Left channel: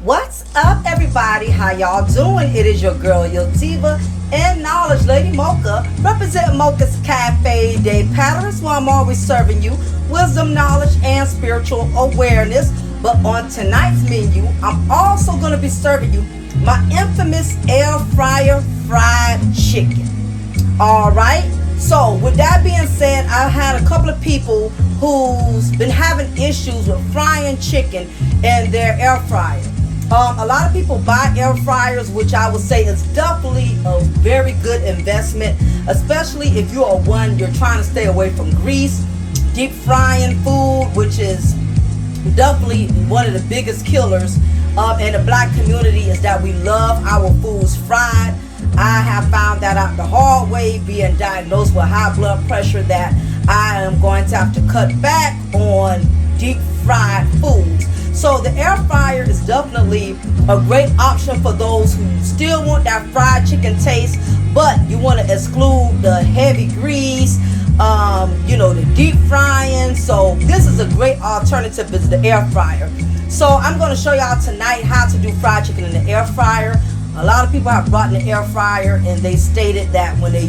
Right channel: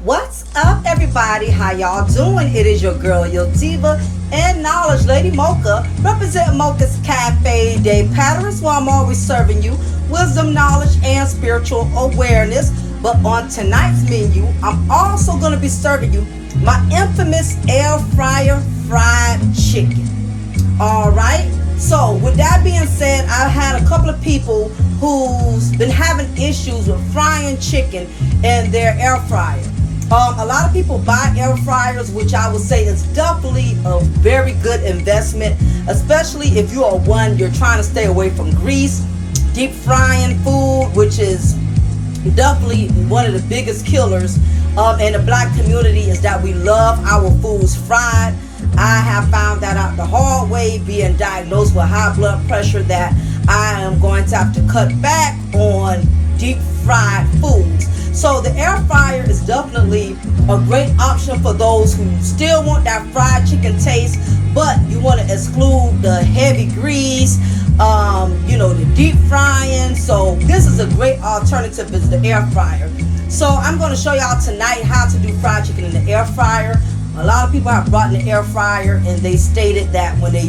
What's up, everybody? How y'all doing? It is your girl, Yotiva, and Knowledge Lady Mocha, representing Mocha's Cafe de Patterns, where I'm always serving you wisdom, knowledge, and spiritual awareness. But on tonight's menu, I'm also going to be serving you my infamous air fryer fried chicken. All right. So, with that being said, I had a couple of people who's been having issues with frying chicken in their air fryer. A lot of people buy air fryers, which I would say is definitely a very good investment, especially if you are you're trying to stay away from grease, deep frying food, which is definitely one of the biggest killers in the black community, is that we love our foods fried. I have found that out the hard way, being diagnosed with high blood pressure, that I am going to have to cut back on deep fried foods. So the air fryer is definitely a great option for those who still want that fried chicken taste, but you want to exclude the heavy grease, the deep frying. So this is a great alternative, is the air fryer. So I'm going to show y'all tonight how to do fried chicken in the air fryer. A lot of people have brought in the air fryer and they stated that when they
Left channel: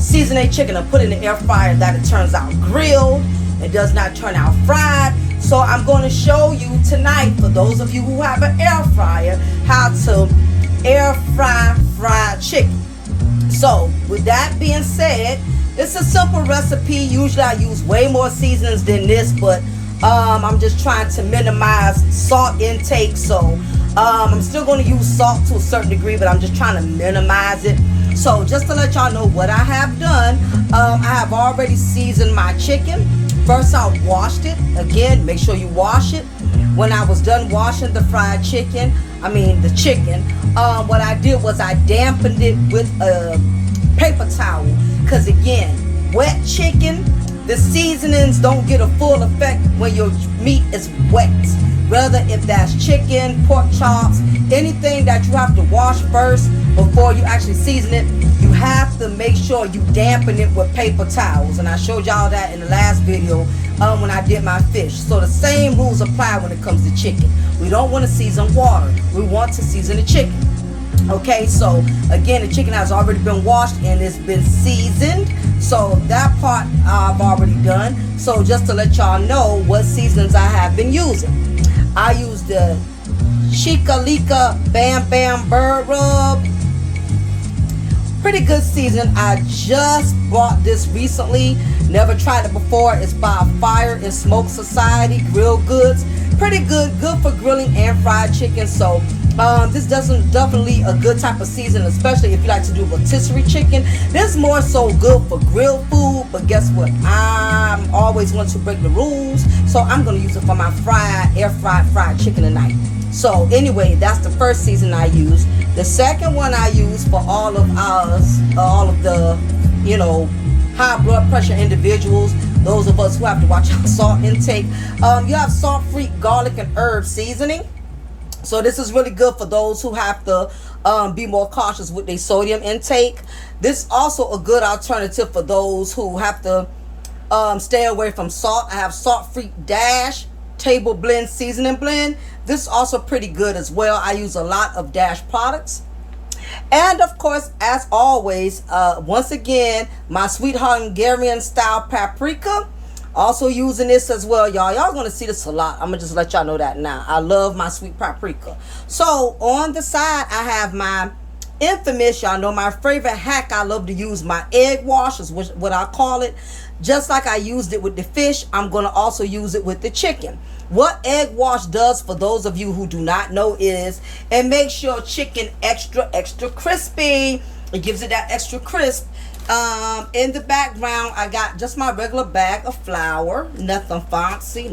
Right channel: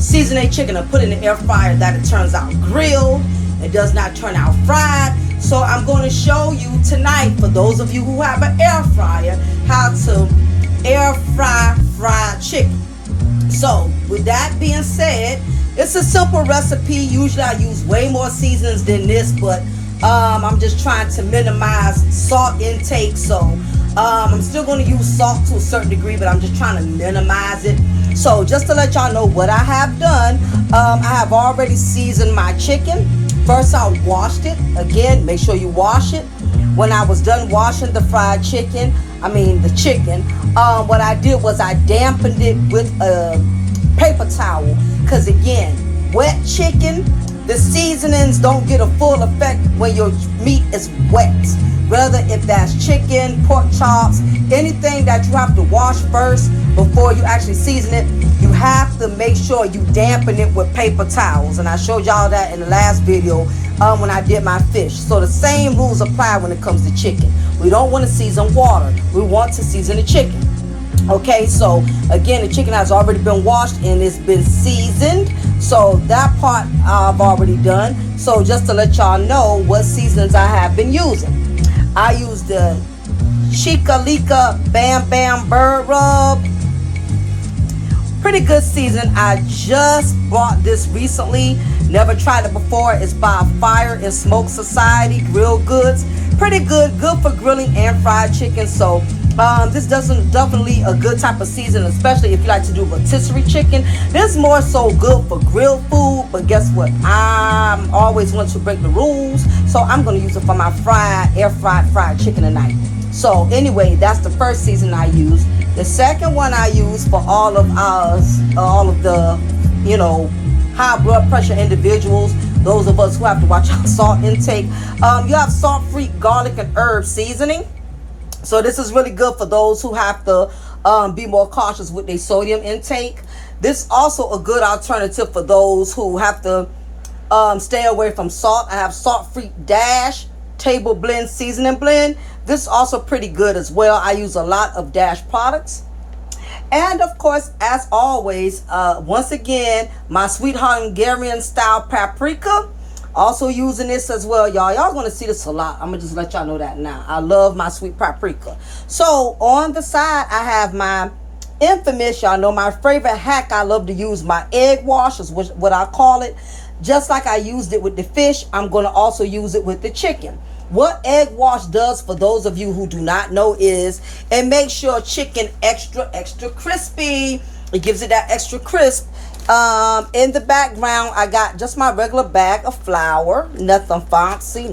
season their chicken and put it in the air fryer, that it turns out grilled. It does not turn out fried. So I'm going to show you tonight, for those of you who have an air fryer, how to air fry fried chicken. So with that being said, it's a simple recipe. Usually I use way more seasonings than this, but I'm just trying to minimize salt intake. So I'm still going to use salt to a certain degree, but I'm just trying to minimize it. So just to let y'all know what I have done, I have already seasoned my chicken. First, I washed it. Again, make sure you wash it. When I was done washing the chicken, what I did was I dampened it with a paper towel. Because again, wet chicken, the seasonings don't get a full effect when your meat is wet. Whether if that's chicken, pork chops, anything that you have to wash first before you actually season it, you have to make sure you dampen it with paper towels. And I showed y'all that in the last video when I did my fish. So the same rules apply when it comes to chicken. We don't want to season water. We want to season the chicken. Okay, so again, the chicken has already been washed and it's been seasoned. So that part I've already done. So just to let y'all know what seasons I have been using. I use the Chica Lica Bam Bam Bird Rub. Pretty good season. I just bought this recently. Never tried it before. It's by Fire and Smoke Society Grill Goods. Pretty good. Good for grilling and fried chicken. So this definitely a good type of season, especially if you like to do rotisserie chicken. This is more so good for grilled food, but guess what? I'm always want to break the rules, so I'm going to use it for my air fried chicken tonight. So anyway, that's the first season I use. The second one I use for all of the high blood pressure individuals, those of us who have to watch our salt intake. You have salt-free garlic and herb seasoning. So this is really good for those who have to be more cautious with their sodium intake. This is also a good alternative for those who have to stay away from salt. I have salt-free Dash table blend seasoning blend. This is also pretty good as well. I use a lot of Dash products. And of course, as always, once again, my sweet Hungarian style paprika. Also using this as well, y'all. Y'all gonna see this a lot. I'm gonna just let y'all know that now. I love my sweet paprika. So on the side, I have my infamous, y'all know my favorite hack. I love to use my egg wash, is what I call it. Just like I used it with the fish, I'm gonna also use it with the chicken. What egg wash does, for those of you who do not know, is it makes your chicken extra crispy. It gives it that extra crisp. In the background, I got just my regular bag of flour. Nothing fancy,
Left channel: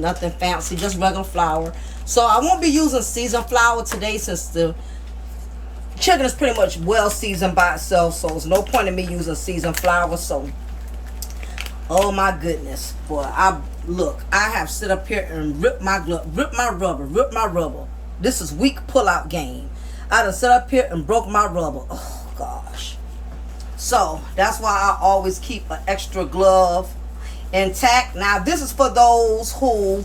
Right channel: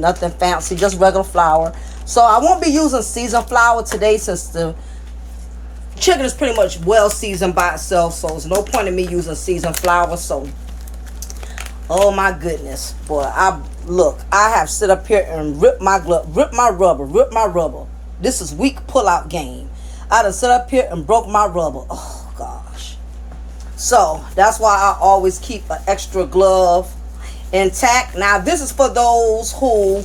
just regular flour. So I won't be using seasoned flour today, since the chicken is pretty much well seasoned by itself. So there's no point in me using seasoned flour. So, oh my goodness, boy, I have sit up here and ripped my rubber. This is weak pull-out game. I done sit up here and broke my rubber. Oh gosh. So that's why I always keep an extra glove intact. Now this is for those who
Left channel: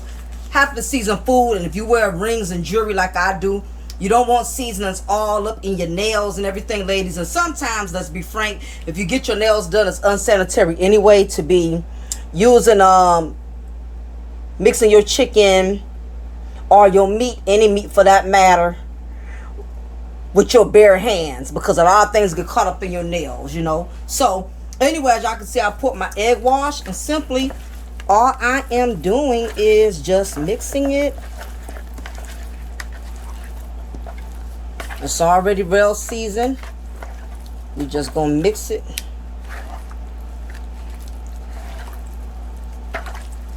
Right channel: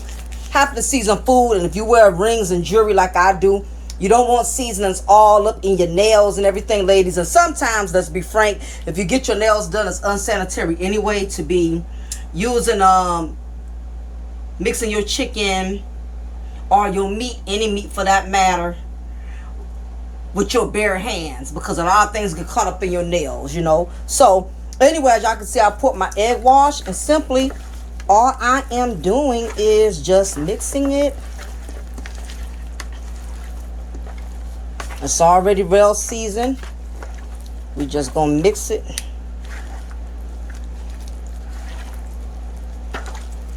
have to season food, and if you wear rings and jewelry like I do, you don't want seasonings all up in your nails and everything, ladies. And sometimes, let's be frank, if you get your nails done, it's unsanitary anyway to be using mixing your chicken or your meat, any meat for that matter, with your bare hands, because a lot of things get caught up in your nails, you know. So anyway, as y'all can see, I put my egg wash, and simply all I am doing is just mixing it. It's already well seasoned. We just gonna mix it.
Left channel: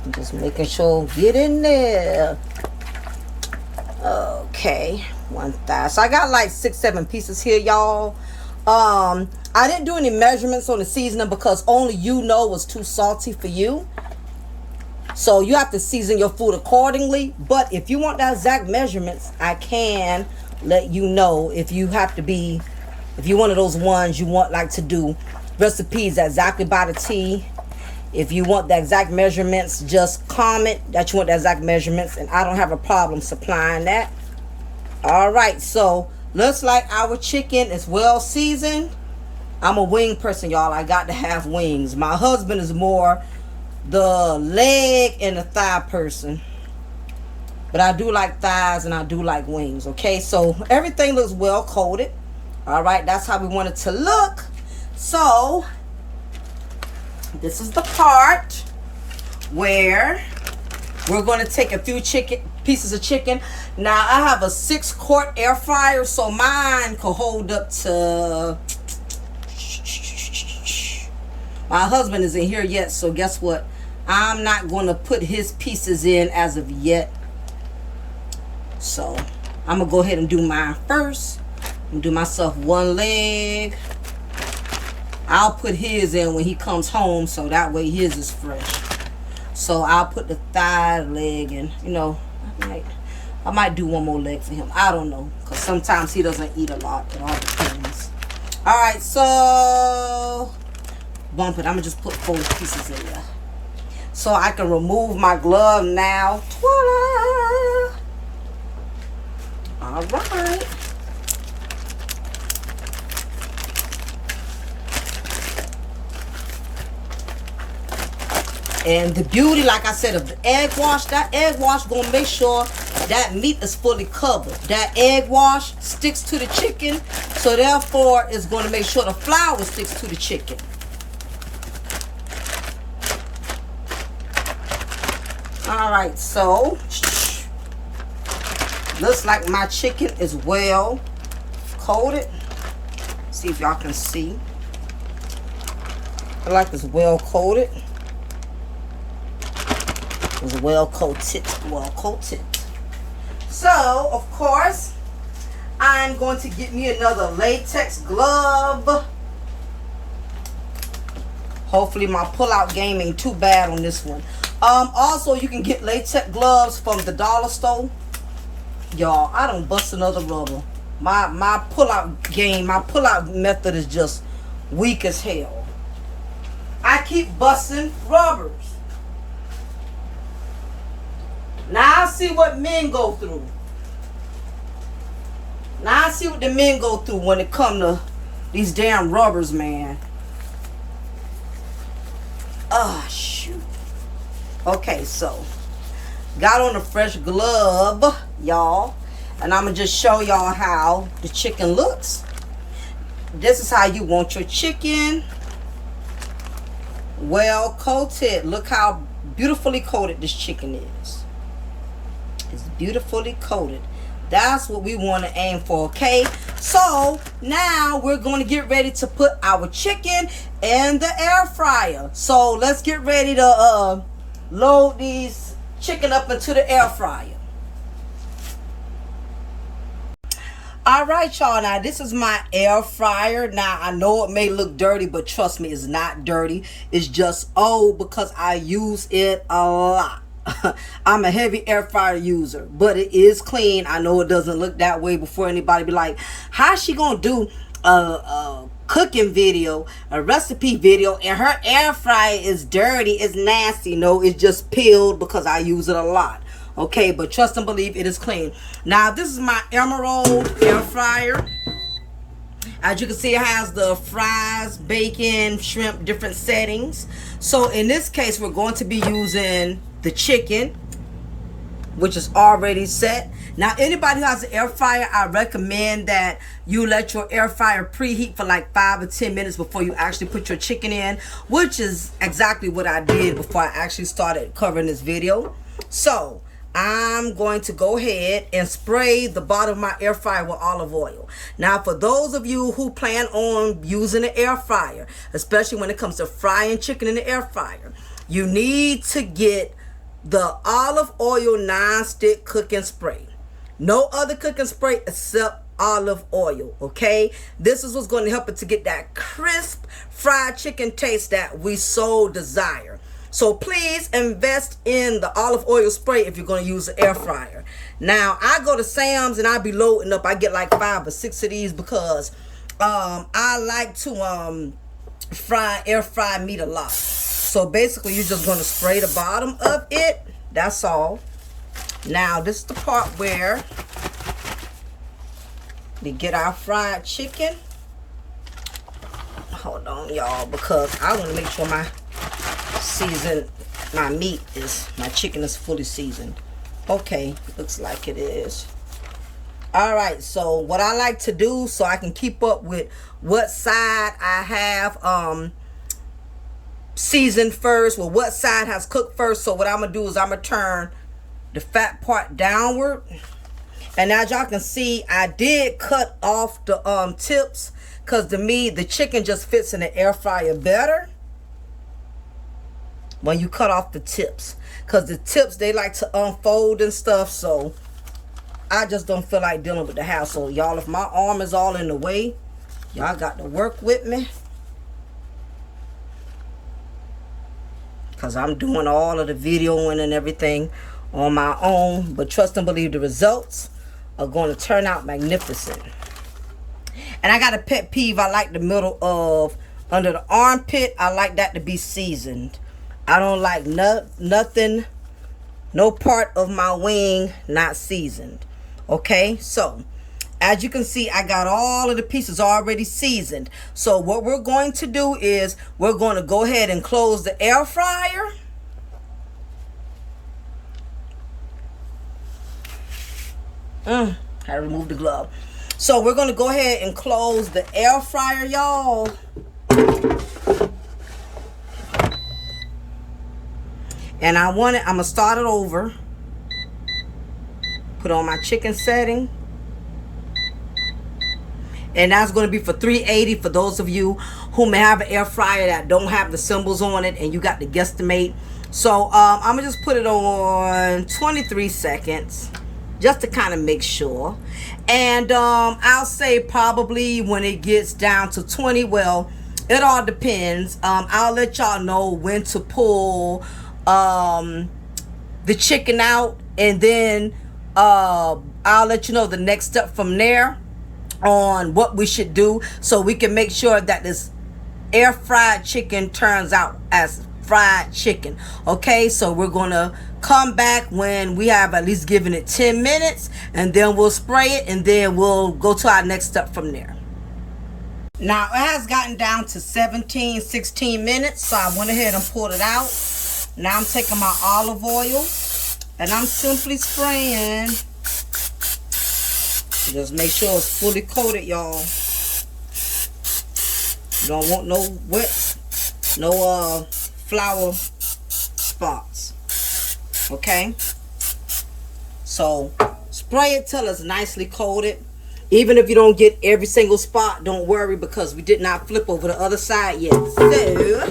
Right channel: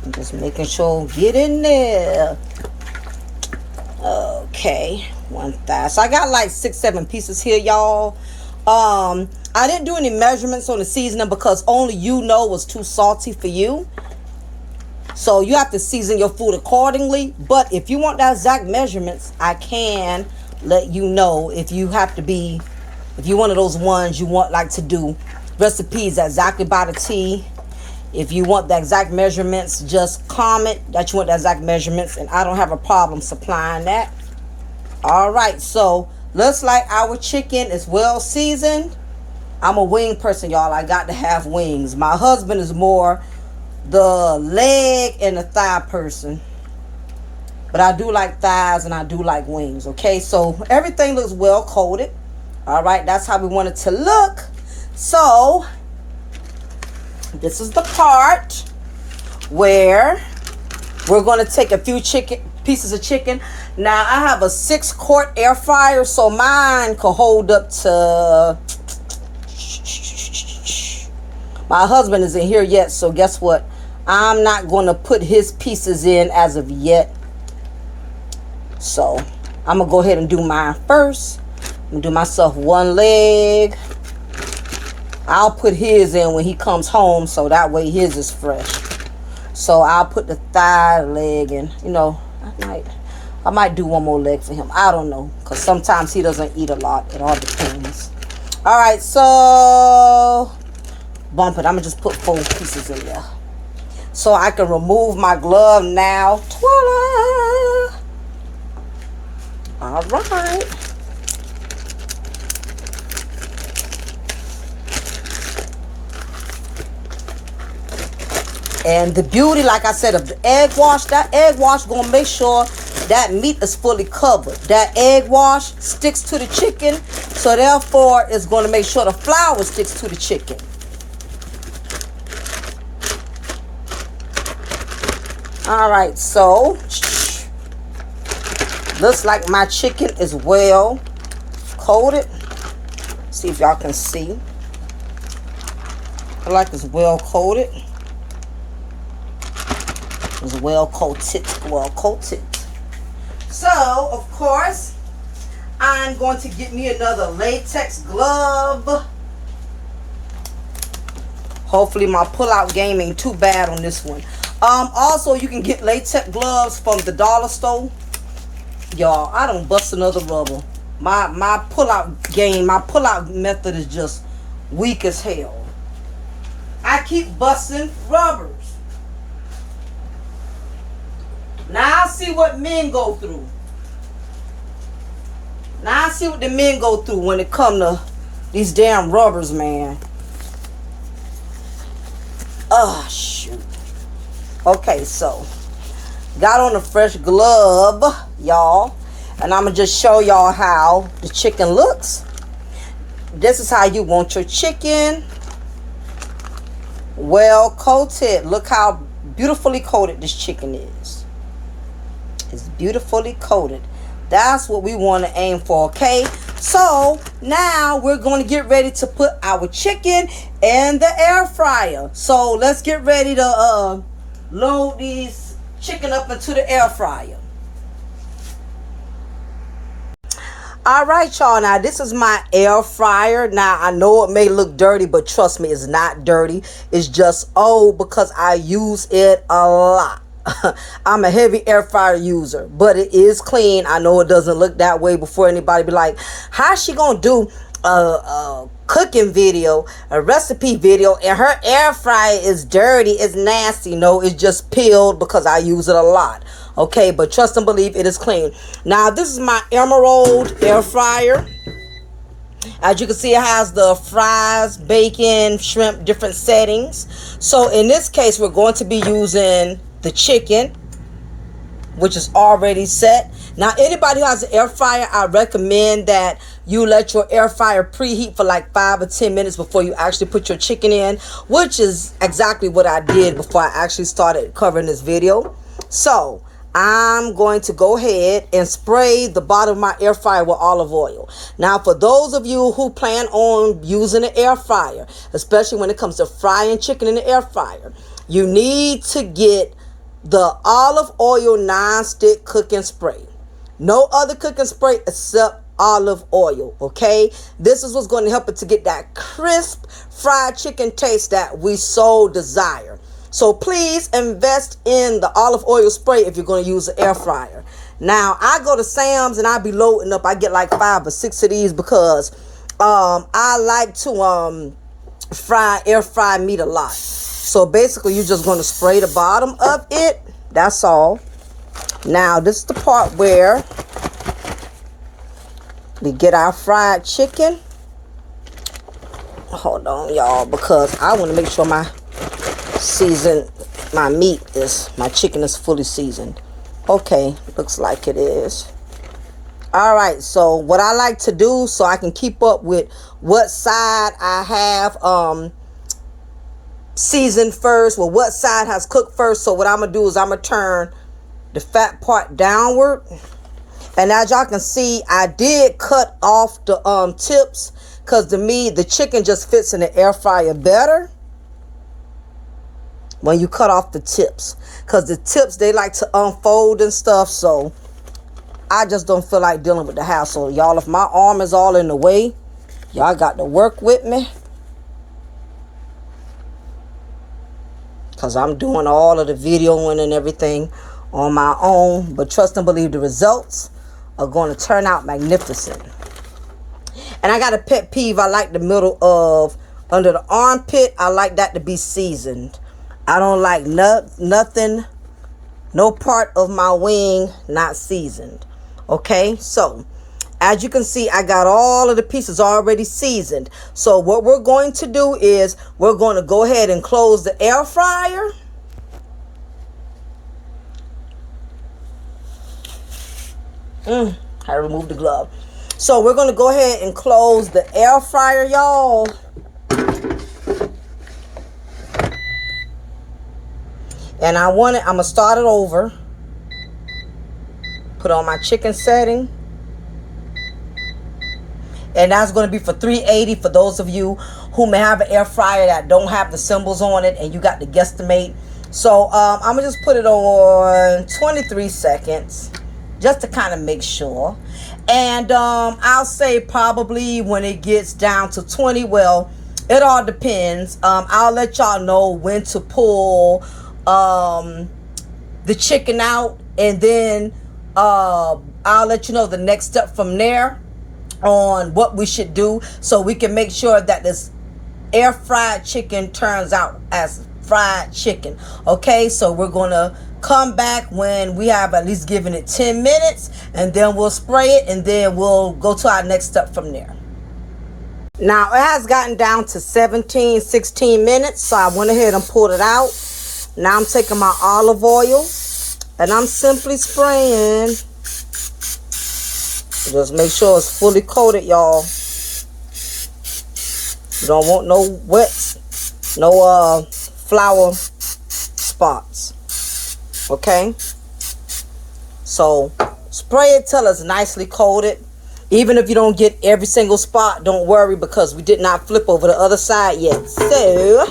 I'm just making sure get in there. Okay, one thigh. So I got like 6-7 pieces here, y'all. I didn't do any measurements on the seasoning because only you know what's too salty for you. So you have to season your food accordingly. But if you want the exact measurements, I can let you know. If you have to be, if you're one of those ones you want like to do recipes exactly by the T. If you want the exact measurements, just comment that you want the exact measurements, and I don't have a problem supplying that. All right, so looks like our chicken is well seasoned. I'm a wing person, y'all. I got to have wings. My husband is more the leg and the thigh person, but I do like thighs and I do like wings. Okay, so everything looks well coated. All right, that's how we want it to look. So this is the part where we're going to take a few pieces of chicken. Now I have a 6-quart air fryer, so mine could hold up to, my husband isn't here yet, so guess what? I'm not going to put his pieces in as of yet. So I'm going to go ahead and do mine first. I'm going to do myself one leg. I'll put his in when he comes home, so that way his is fresh. So I'll put the thigh, leg, and you know, I might do one more leg for him. I don't know, because sometimes he doesn't eat a lot. It all depends. All right, so bump it. I'm gonna just put 4 pieces in there, so I can remove my glove now. Voila! All right. And the beauty, like I said, of the egg wash, that egg wash gonna make sure that meat is fully covered. That egg wash sticks to the chicken, so therefore it's gonna make sure the flour sticks to the chicken. All right, so looks like my chicken is well coated. See if y'all can see. I like it's well coated. It's well coated. So, of course, I'm going to get me another latex glove. Hopefully my pull-out game ain't too bad on this one. Also, you can get latex gloves from the dollar store. Y'all, I don't bust another rubber. My pull-out game, my pull-out method is just weak as hell. I keep busting rubbers. Now I see what men go through. Now I see what the men go through when it come to these damn rubbers, man. Oh, shoot. Okay, so got on a fresh glove, y'all. And I'm going to just show y'all how the chicken looks. This is how you want your chicken. Well coated. Look how beautifully coated this chicken is. It's beautifully coated. That's what we want to aim for, okay? So now we're going to get ready to put our chicken in the air fryer. So let's get ready to load these chicken up into the air fryer. All right, y'all. Now this is my air fryer. Now I know it may look dirty, but trust me, it's not dirty. It's just old because I use it a lot. I'm a heavy air fryer user, but it is clean. I know it doesn't look that way before anybody be like, how's she gonna do a cooking video, a recipe video, and her air fryer is dirty, it's nasty? No, it's just peeled because I use it a lot. Okay, but trust and believe it is clean. Now, this is my Emerald air fryer. As you can see, it has the fries, bacon, shrimp, different settings. So in this case, we're going to be using the chicken, which is already set. Now, anybody who has an air fryer, I recommend that you let your air fryer preheat for like 5 or 10 minutes before you actually put your chicken in, which is exactly what I did before I actually started covering this video. So I'm going to go ahead and spray the bottom of my air fryer with olive oil. Now, for those of you who plan on using an air fryer, especially when it comes to frying chicken in the air fryer, you need to get the olive oil non-stick cooking spray. No other cooking spray except olive oil, okay? This is what's going to help it to get that crisp fried chicken taste that we so desire. So please invest in the olive oil spray if you're going to use an air fryer. Now, I go to Sam's and I be loading up. I get like 5 or 6 of these because I like to air fry meat a lot. So basically, you're just going to spray the bottom of it. That's all. Now, this is the part where we get our fried chicken. Hold on, y'all, because I want to make sure my chicken is fully seasoned. Okay, looks like it is. All right, so what I like to do so I can keep up with what side I have seasoned first, well, what side has cooked first. So what I'm gonna do is I'm gonna turn the fat part downward, and as y'all can see, I did cut off the tips because to me the chicken just fits in the air fryer better when you cut off the tips, because the tips, they like to unfold and stuff. So I just don't feel like dealing with the hassle, y'all. If my arm is all in the way, y'all got to work with me, because I'm doing all of the videoing and everything on my own. But trust and believe the results are going to turn out magnificent. And I got a pet peeve. I like the middle of under the armpit. I like that to be seasoned. I don't like nothing, no part of my wing not seasoned. Okay, so as you can see, I got all of the pieces already seasoned. So what we're going to do is we're going to go ahead and close the air fryer. I removed the glove. So we're going to go ahead and close the air fryer, y'all. And I'm going to start it over. Put on my chicken setting. And that's going to be for 380 for those of you who may have an air fryer that don't have the symbols on it and you got to guesstimate. So I'm going to just put it on 23 seconds just to kind of make sure. And I'll say probably when it gets down to 20, well, it all depends. I'll let y'all know when to pull the chicken out, and then I'll let you know the next step from there on what we should do so we can make sure that this air fried chicken turns out as fried chicken. Okay, so we're gonna come back when we have at least given it 10 minutes, and then we'll spray it, and then we'll go to our next step from there. Now it has gotten down to 16 minutes, so I went ahead and pulled it out. Now I'm taking my olive oil and I'm simply spraying. Just make sure it's fully coated, y'all. You don't want no wets, no flour spots. Okay? So spray it till it's nicely coated. Even if you don't get every single spot, don't worry, because we did not flip over the other side yet. So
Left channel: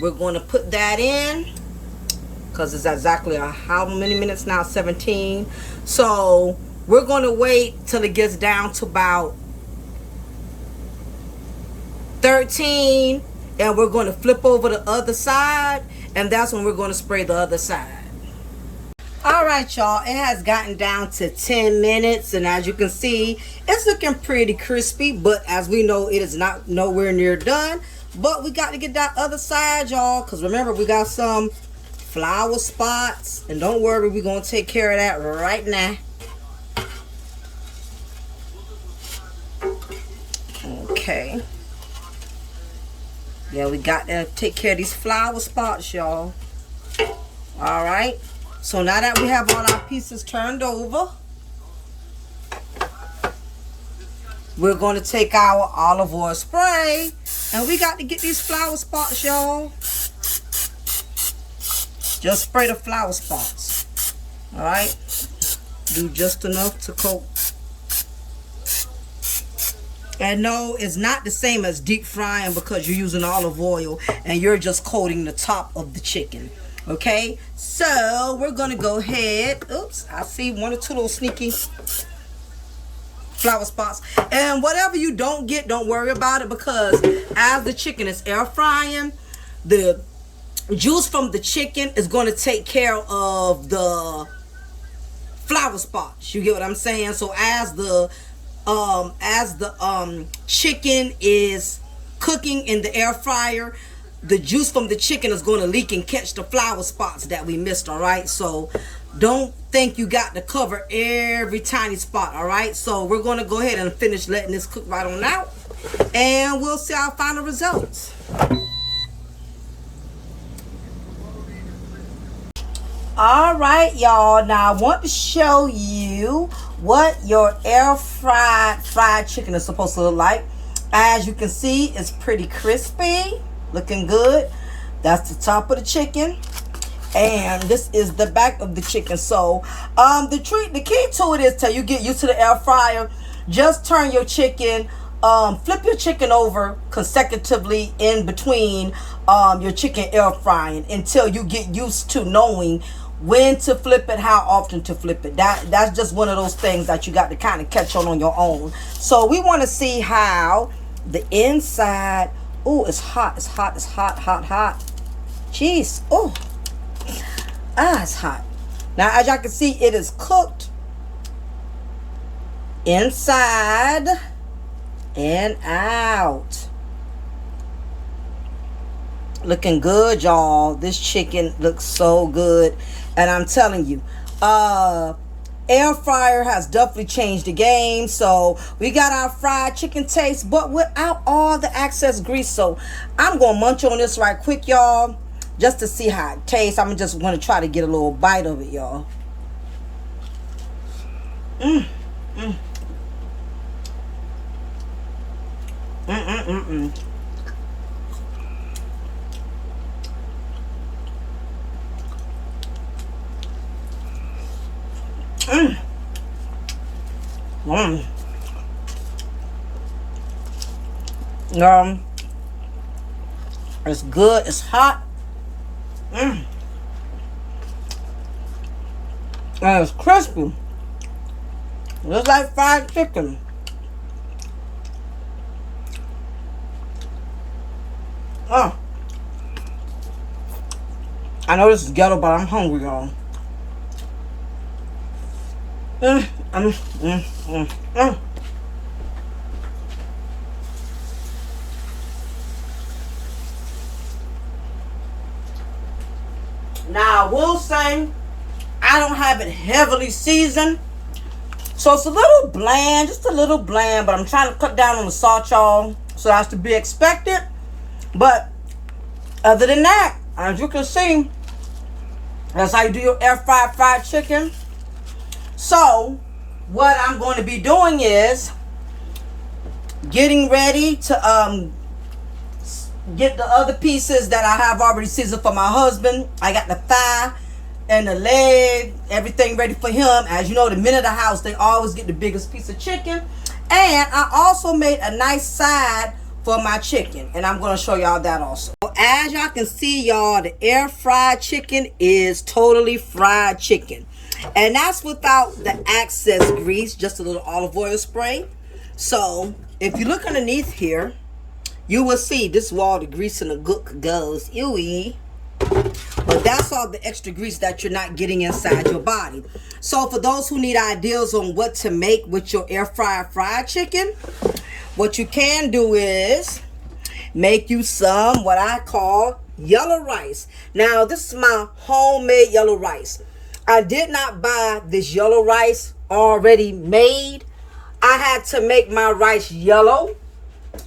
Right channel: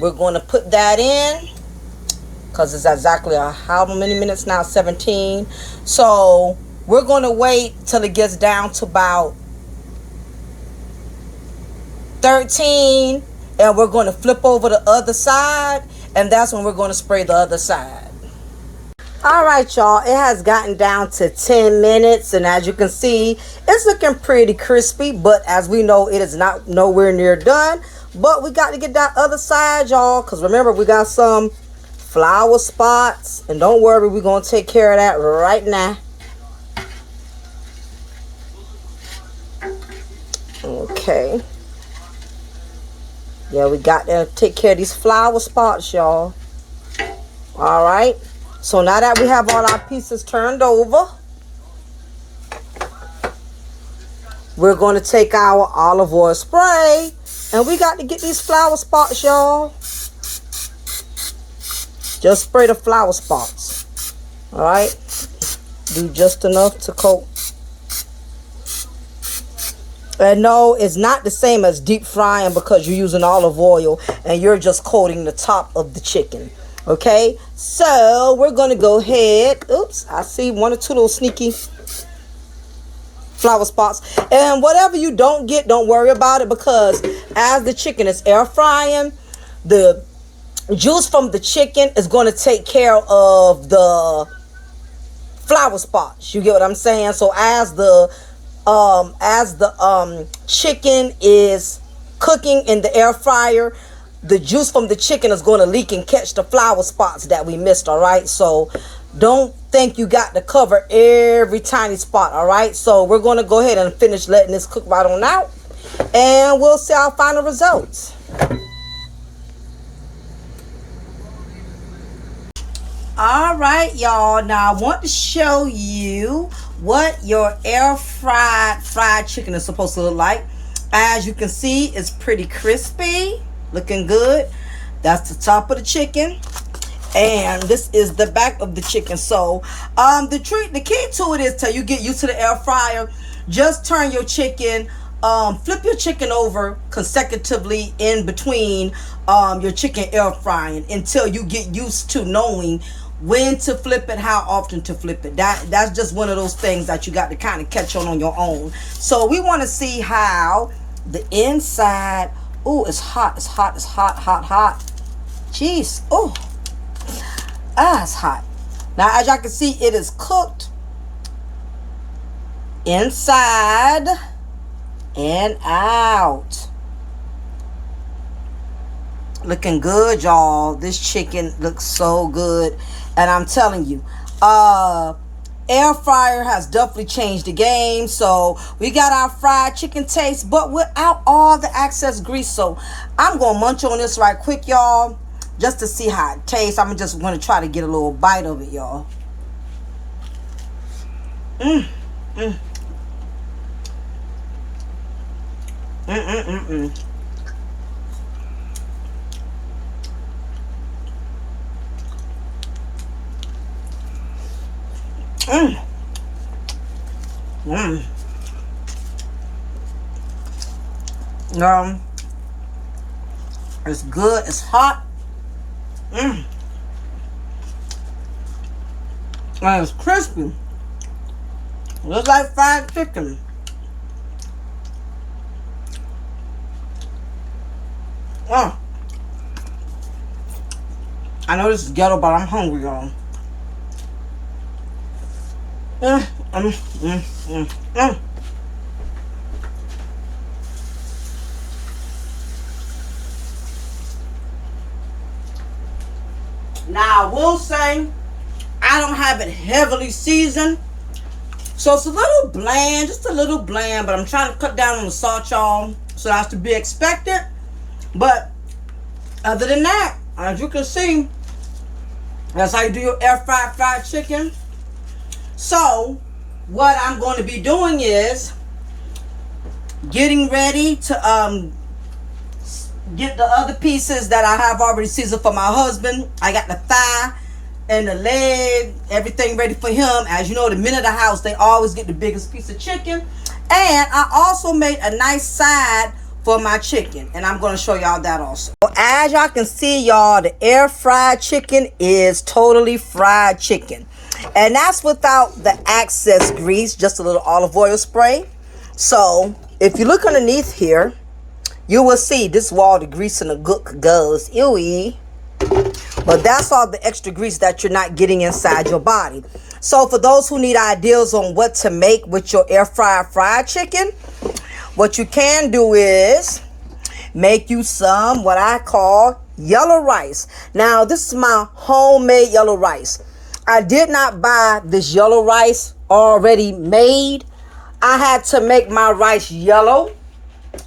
we're going to put that in because it's exactly how many minutes now? 17. So we're going to wait till it gets down to about 13, and we're going to flip over the other side, and that's when we're going to spray the other side. All right, y'all, it has gotten down to 10 minutes, and as you can see, it's looking pretty crispy, but as we know, it is not nowhere near done. But we got to get that other side, y'all, because remember, we got some flour spots. And don't worry, we're going to take care of that right now. Okay. Yeah, we got to take care of these flour spots, y'all. All right. So now that we have all our pieces turned over, we're going to take our olive oil spray. And we got to get these flour spots, y'all. Just spray the flour spots. All right. Do just enough to coat. And no, it's not the same as deep frying because you're using olive oil and you're just coating the top of the chicken. Okay, so we're going to go ahead. Oops, I see one or two little sneaky flour spots. And whatever you don't get, don't worry about it, because as the chicken is air frying, the juice from the chicken is going to take care of the flour spots. You get what I'm saying? So as the chicken is cooking in the air fryer, the juice from the chicken is going to leak and catch the flour spots that we missed. All right, so don't think you got to cover every tiny spot. All right, so we're going to go ahead and finish letting this cook right on out, and we'll see our final results. All right, y'all, now I want to show you what your air fried chicken is supposed to look like. As you can see, it's pretty crispy, looking good. That's the top of the chicken, and this is the back of the chicken. So the key to it is till you get used to the air fryer, just turn your chicken, flip your chicken over consecutively in between your chicken air frying until you get used to knowing when to flip it, how often to flip it. That's just one of those things that you got to kind of catch on your own. So we want to see how the inside. Oh, it's hot. It's hot. It's hot, hot, hot. Jeez. Oh, it's hot. Now, as y'all can see, it is cooked inside and out. Looking good, y'all. This chicken looks so good. And I'm telling you, air fryer has definitely changed the game. So we got our fried chicken taste, but without all the excess grease. So I'm going to munch on this right quick, y'all, just to see how it tastes. I'm just going to try to get a little bite of it, y'all. Mmm. Mmm. Mmm. Mmm. Mmm. It's good. It's hot. Mmm. And it's crispy. Just like fried chicken. Oh. I know this is ghetto, but I'm hungry, y'all. Now, I will say, I don't have it heavily seasoned. So it's a little bland, just a little bland, but I'm trying to cut down on the salt, y'all. So that's to be expected. But other than that, as you can see, that's how you do your air fried chicken. So what I'm going to be doing is getting ready to get the other pieces that I have already seasoned for my husband. I got the thigh and the leg, everything ready for him. As you know, the men of the house, they always get the biggest piece of chicken. And I also made a nice side for my chicken, and I'm going to show y'all that also. So as y'all can see, y'all, the air fried chicken is totally fried chicken. And that's without the excess grease, just a little olive oil spray. So if you look underneath here, you will see this is where all the grease and the gook goes. Ewy. But that's all the extra grease that you're not getting inside your body. So for those who need ideas on what to make with your air fried chicken, what you can do is make you some what I call yellow rice. Now, this is my homemade yellow rice. I did not buy this yellow rice already made. I had to make my rice yellow.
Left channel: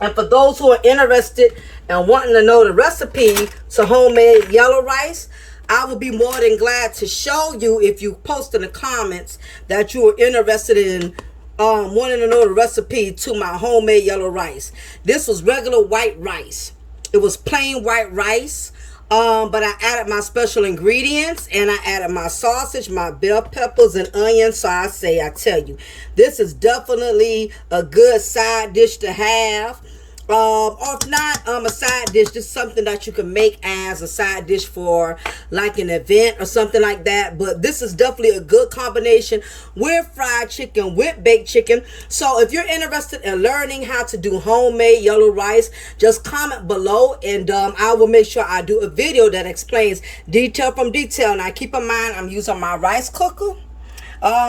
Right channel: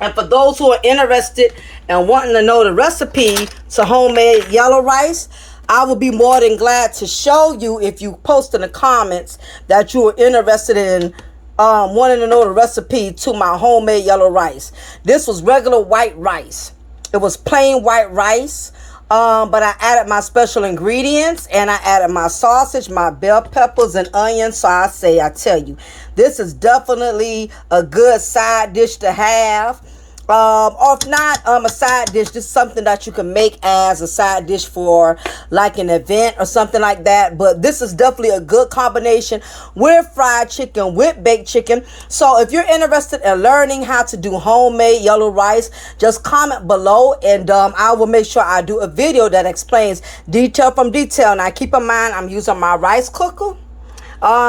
And for those who are interested and wanting to know the recipe to homemade yellow rice, I will be more than glad to show you if you post in the comments that you are interested in wanting to know the recipe to my homemade yellow rice. This was regular white rice. It was plain white rice. But I added my special ingredients, and I added my sausage, my bell peppers, and onions. So I tell you, this is definitely a good side dish to have. Or if not, a side dish, just something that you can make as a side dish for like an event or something like that. But this is definitely a good combination with fried chicken, with baked chicken. So if you're interested in learning how to do homemade yellow rice, just comment below, and I will make sure I do a video that explains detail from detail. Now keep in mind, I'm using my rice cooker.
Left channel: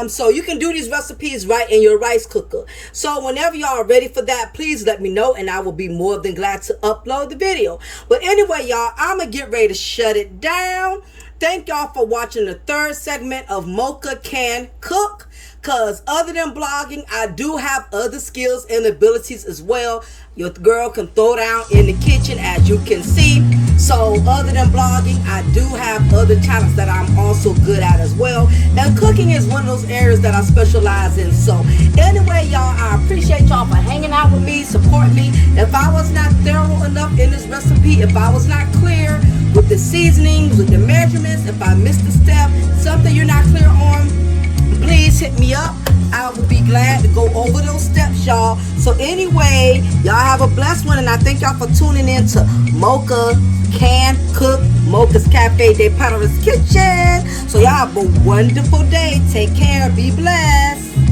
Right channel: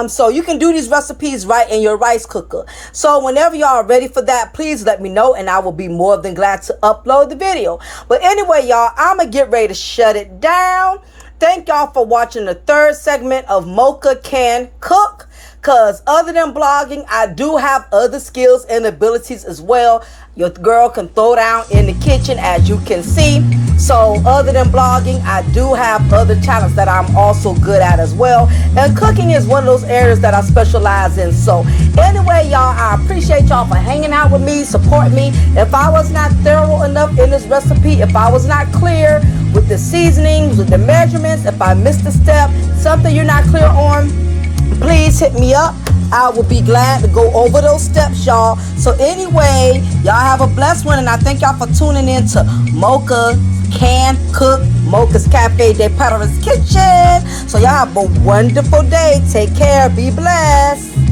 So you can do these recipes right in your rice cooker. So whenever y'all are ready for that, please let me know, and I will be more than glad to upload the video. But anyway, y'all, I'm going to get ready to shut it down. Thank y'all for watching the third segment of Mocha Can Cook. Because other than blogging, I do have other skills and abilities as well. Your girl can throw down in the kitchen, as you can see. So other than blogging, I do have other talents that I'm also good at as well. And cooking is one of those areas that I specialize in. So anyway, y'all, I appreciate y'all for hanging out with me, support me. If I was not thorough enough in this recipe, if I was not clear with the seasonings, with the measurements, if I missed a step, something you're not clear on, please hit me up. I will be glad to go over those steps, y'all. So anyway, y'all have a blessed one, and I thank y'all for tuning in to Mocha Can Cook, Mocha's Cafe de Paris Kitchen. So y'all have a wonderful day. Take care. Be blessed.